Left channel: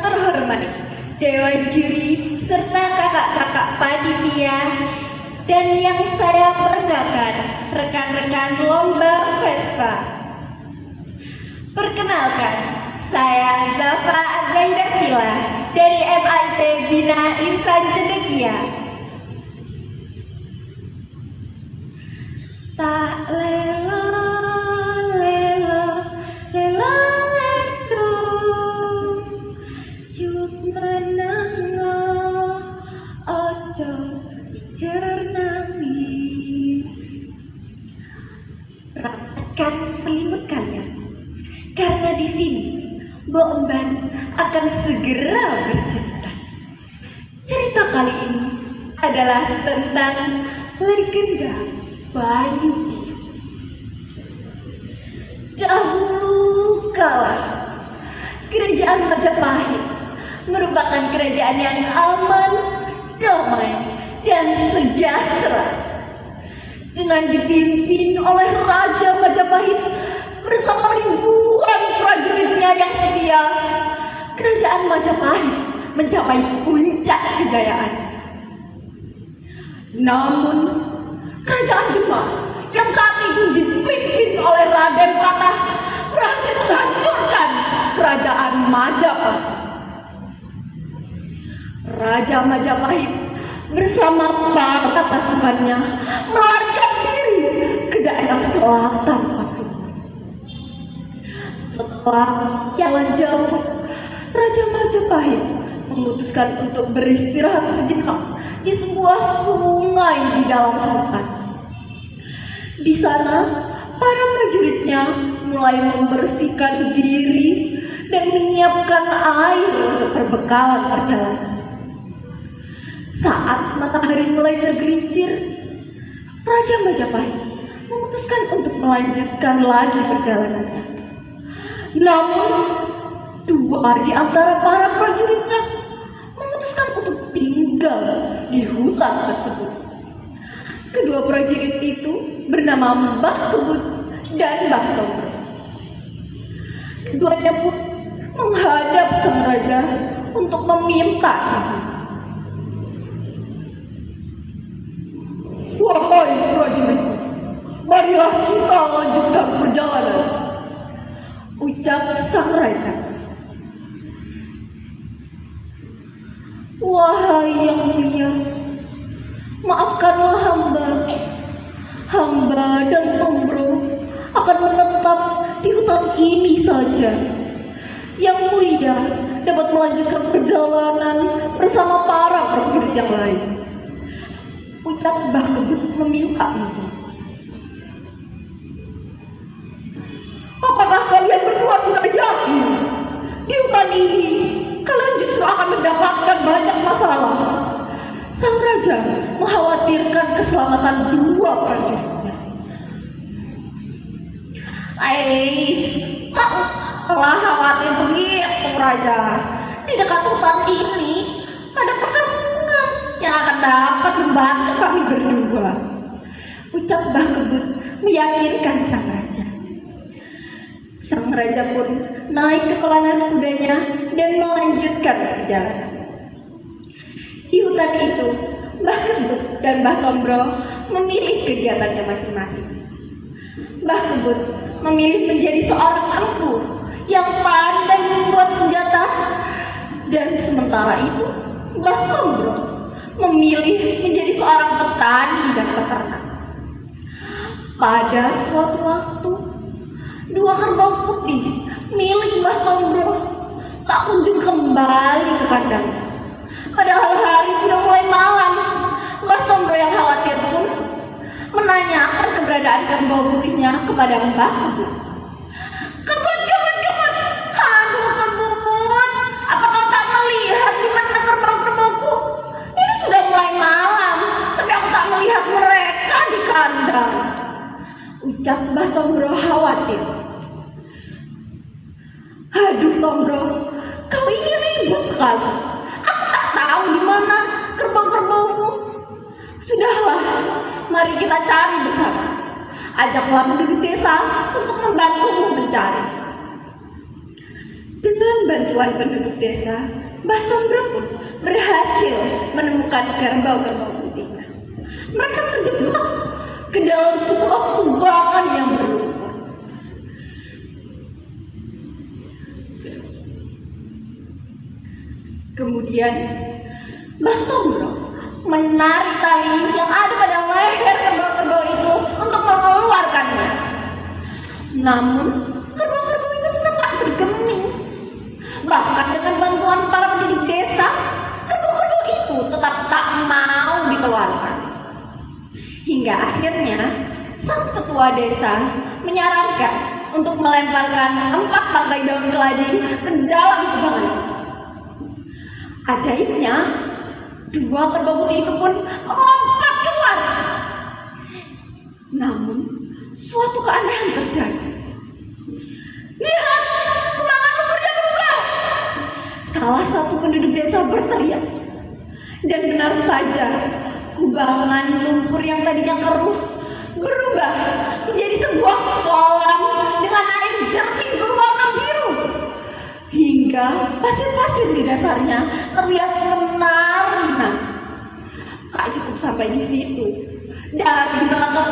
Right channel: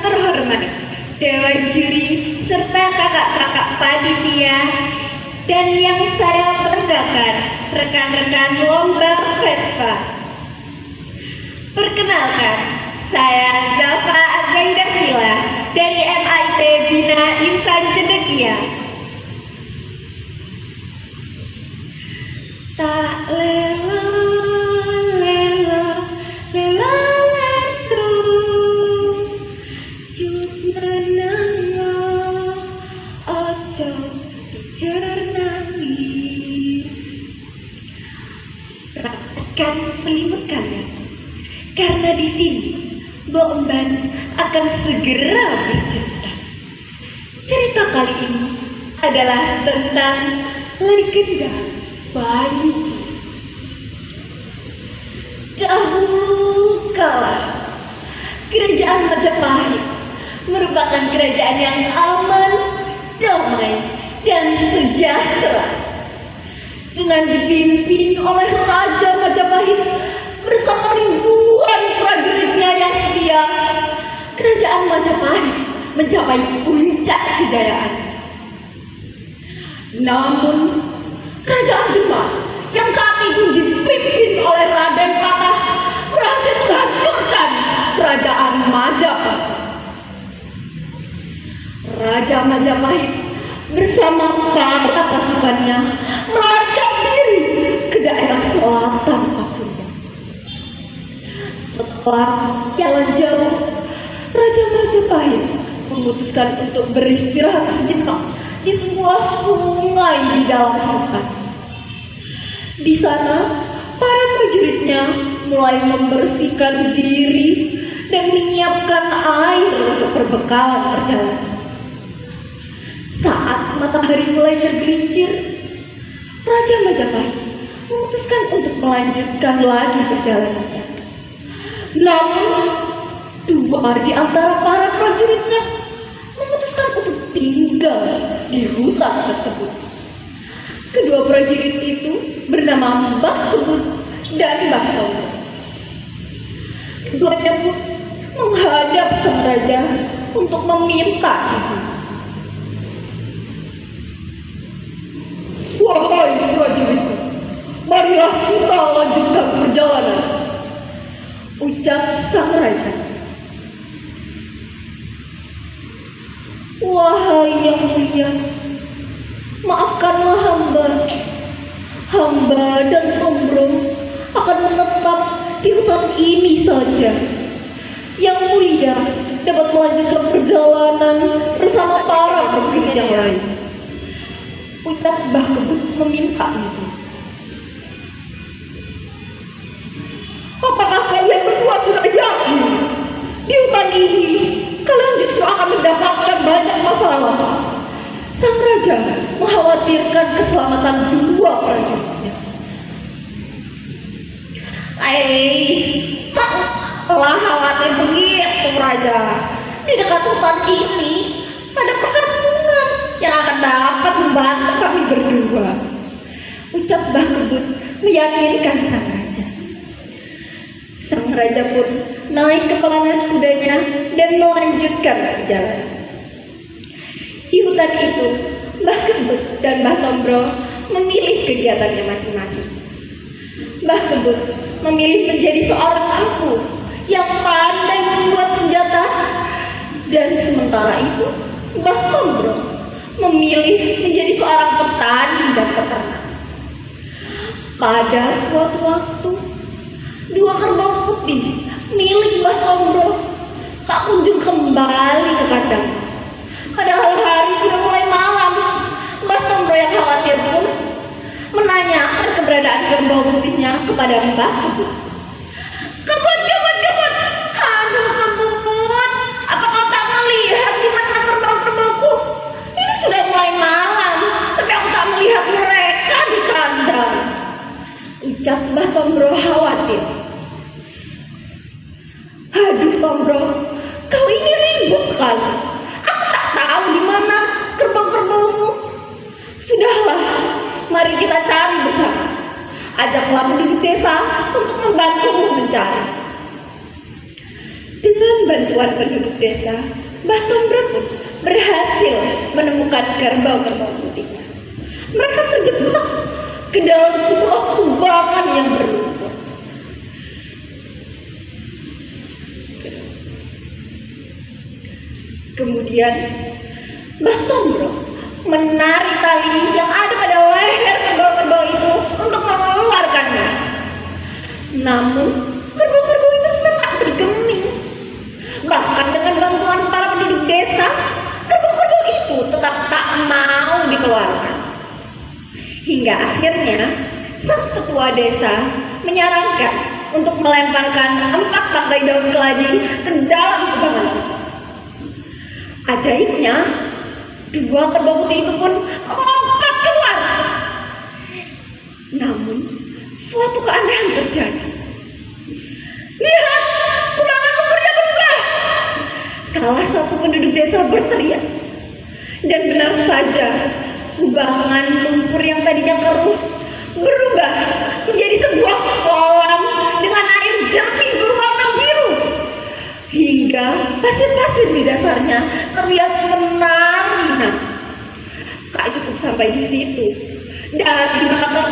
terhormat, dewan juri, serta kakak-kakak panitia, dan yang saya banggakan, rekan-rekan lomba Vespa. Perkenalkan, saya Zafra Zaida Villa dari MIT Bina Insan Cendekia. Tak lelo, lelo, lelo, lelo, cut menanglo, ojo ijer nangis. Rapatkan selimut kalian, karena di sini Mbok Emban akan segera bercerita. Cerita kali ini adalah tentang legenda Bayu. Dahulu kala, kerajaan Majapahit merupakan kerajaan yang aman, damai, dan sejahtera. Dengan dipimpin oleh Raja Majapahit bersama ribuan prajuritnya yang setia, kerajaan Majapahit mencapai puncak kejayaan. Namun, kerajaan Demak yang saat itu dipimpin oleh Raden Patah berhasil menghancurkan kerajaan Majapahit. Raja Majapahit bersama para pasukannya melarikan diri ke daerah selatan Pasundan. Setelah jalan jauh, Raja Majapahit memutuskan untuk beristirahat sejenak di sebuah sungai di dalam hutan. Di sana, para prajuritnya mulai membersihkan diri dan menyiapkan air untuk perbekalan perjalanan. Saat matahari mulai tergelincir, Raja Majapahit memutuskan untuk melanjutkan lagi perjalanannya. Namun, dua di antara para prajuritnya memutuskan untuk tinggal di hutan tersebut. Kedua prajurit itu bernama Mbah Kebut dan Mbah Tombo. Keduanya pun menghadap sang raja untuk meminta izin. Wahai prajurit, marilah kita lanjutkan perjalanan, ucap sang raja. Wahai yang mulia, maafkanlah hamba. Hamba dan Tombrong akan menetap di hutan ini saja. Yang mulia dapat melanjutkan perjalanan bersama para prajurit yang lain, ucap Mbah Kebut meminta izin. Apakah kalian berdua sudah yakin di hutan ini kalian justru akan mendapatkan banyak masalah? Sang raja mengkhawatirkan keselamatan dua prajuritnya. Telah khawatir begitu, Raja. Di dekat hutan ini ada perkampungan yang akan dapat membantu kami berdua, ucap Mbah Kebut meyakinkan sang raja. Sang raja pun naik ke pelanan kudanya dan melanjutkan perjalanan. Di hutan itu, Mbah Kebut dan Mbah Tombrong memilih kegiatannya masing-masing. Mbah Kebut memilih menjadi seorang empu yang pandai membuat senjata, dan sementara itu Mbah Tombrong memilih menjadi seorang petani dan peternak. Pada suatu waktu, dua kerbau putih milik Mbah Tombrong tak kunjung kembali ke kandang. Padahal hari sudah mulai malam. Mbah Tombrong yang khawatir pun menanyakan keberadaan kerbau putihnya kepada Mbah Kebut. Kebut, aduh Kebut, apakah tak melihat di mana kerbau-kerbauku? Ini sudah mulai malam, tapi aku tak melihat mereka di kandang, ucap Mbah Tombrong khawatir. Aduh Tombrong, kau ini ribut sekali. Aku tak tahu di mana kerbau-kerbaumu. Sudahlah, mari kita cari bersama. Ajaklah penduduk desa untuk membantumu mencari. Dengan bantuan bantuan penduduk desa, Mbah Tombro pun berhasil menemukan kerbau-kerbau putih. Mereka terjebak ke dalam sebuah kubangan yang berlumpur. Kemudian Mbah Tombro menarik tali yang ada pada leher kerbau-kerbau itu untuk mengeluarkannya. Namun kerbau-kerbau itu tetap bergeming. Bahkan dengan bantuan para penduduk desa, kerbau-kerbau itu tetap tak mau dikeluarkan. Hingga akhirnya sang ketua desa menyarankan untuk melemparkan 4 tangkai daun keladi ke dalam kubangan itu. Ajaibnya, 2 kerbau putih itu pun melompat keluar. Namun, suatu keanehan terjadi. Lihat, kubangan lumpurnya berubah. Salah satu penduduk desa berteriak. Dan benar saja, kubangan lumpur yang tadinya keruh berubah menjadi sebuah kolam dengan air jernih berwarna biru. Hingga pasir-pasir di dasarnya terlihat menari. Tak cukup sampai di situ. Dari belakang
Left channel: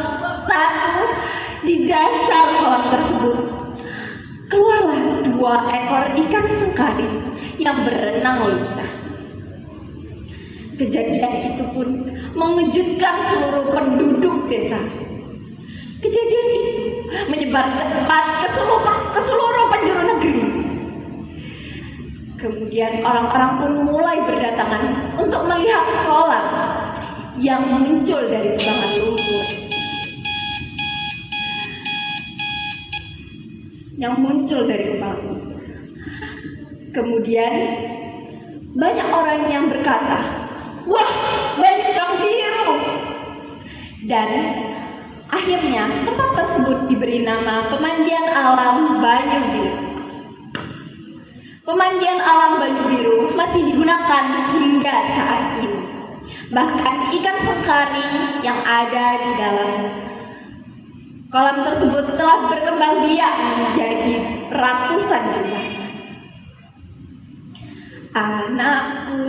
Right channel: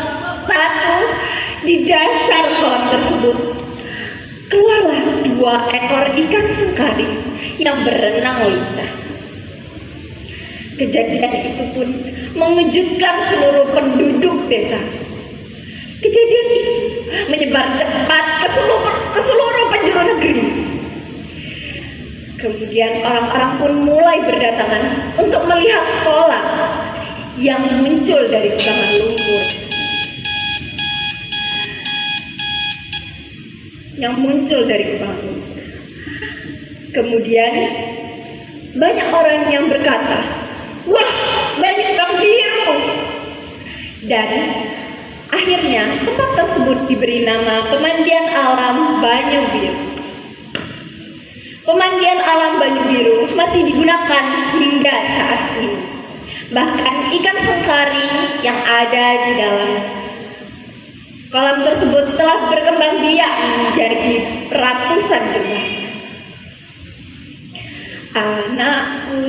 batu di dasar kolam tersebut keluarlah 2 ekor ikan sengkari yang berenang lincah. Kejadian itu pun mengejutkan seluruh penduduk desa. Kejadian itu menyebar cepat ke seluruh penjuru negeri. Kemudian orang-orang pun mulai berdatangan untuk melihat kolam yang muncul dari kubangan lumpur. Kemudian banyak orang yang berkata, "Wah, banyak udang biru." Dan akhirnya tempat tersebut diberi nama Pemandian Alam Banyu Biru. Pemandian Alam Banyu Biru masih digunakan hingga saat ini. Bahkan ikan sengkari yang ada di dalam kolam tersebut telah berkembang biak menjadi ratusan jumlah. Anakku